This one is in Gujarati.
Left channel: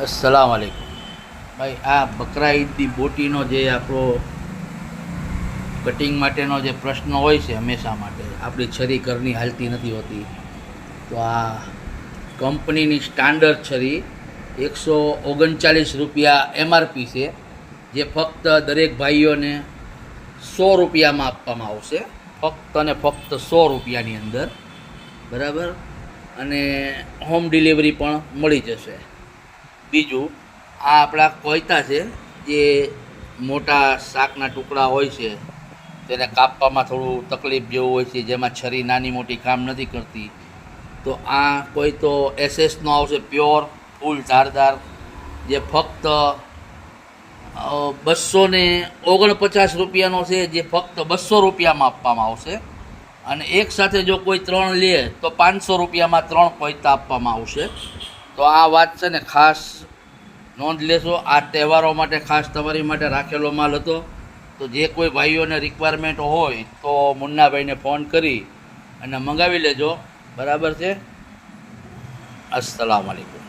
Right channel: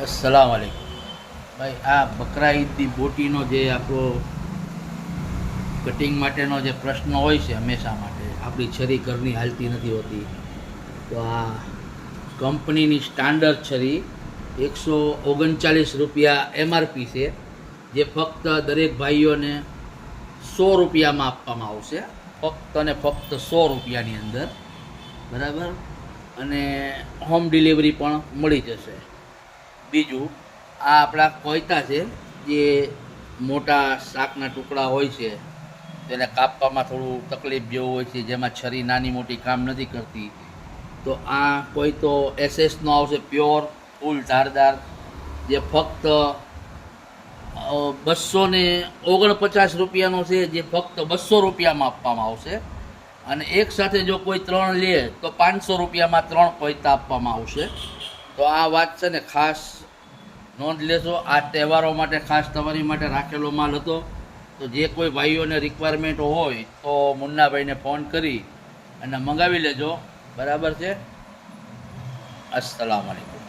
अस्सलाम वालेकुम भाई। आ बकरा ईदની બોટીનો જે આપણો કટિંગ માટેનો જે પ્રશ્ન હોય છે હંમેશા માટે, આપણી છરી ઘરની હાલતી નથી હોતી, તો આ કંપનીની સ્ટાન્ડર્ડ છરી 139 રૂપિયા એમઆરપી છે, જે ફક્ત દરેક ભાઈઓને 100 રૂપિયામાં આપવામાં આવશે, ફક્ત અને ફક્ત 100 રૂપિયાની અંદર, બરાબર। અને હોમ ડિલિવરી પણ મળી જશે। બીજું, આ આપણા કોયતા છે, જે મોટા શાકના ટુકડા હોય છે તેને કાપવામાં થોડું તકલીફ જેવું હોય છે, જેમાં છરી નાની મોટી કામ નથી કરતી, તો આ કોઈ તો એસએસનો આવશે, પ્યોર ફૂલ ધારદાર, જે ફક્ત 249 રૂપિયાનો છે, જે ફક્ત 200 રૂપિયામાં આપવામાં આવશે। અને એક સાથે જો કોઈ 3 લે તો 500 રૂપિયામાં 3 કોયતા આપવામાં આવશે। તો આ વાત છે ને, ખાસ નોંધ લેશો। આ તહેવારો માટે ખાસ તમારી માટે રાખેલો માલ હતો, તો જે કોઈ ભાઈઓને રિક્વાયરમેન્ટ હોય તો મુન્નાભાઈને ફોન કરી અને મંગાવી લેજો, બરાબર છે। અસ્સલામ વાલેકુમ।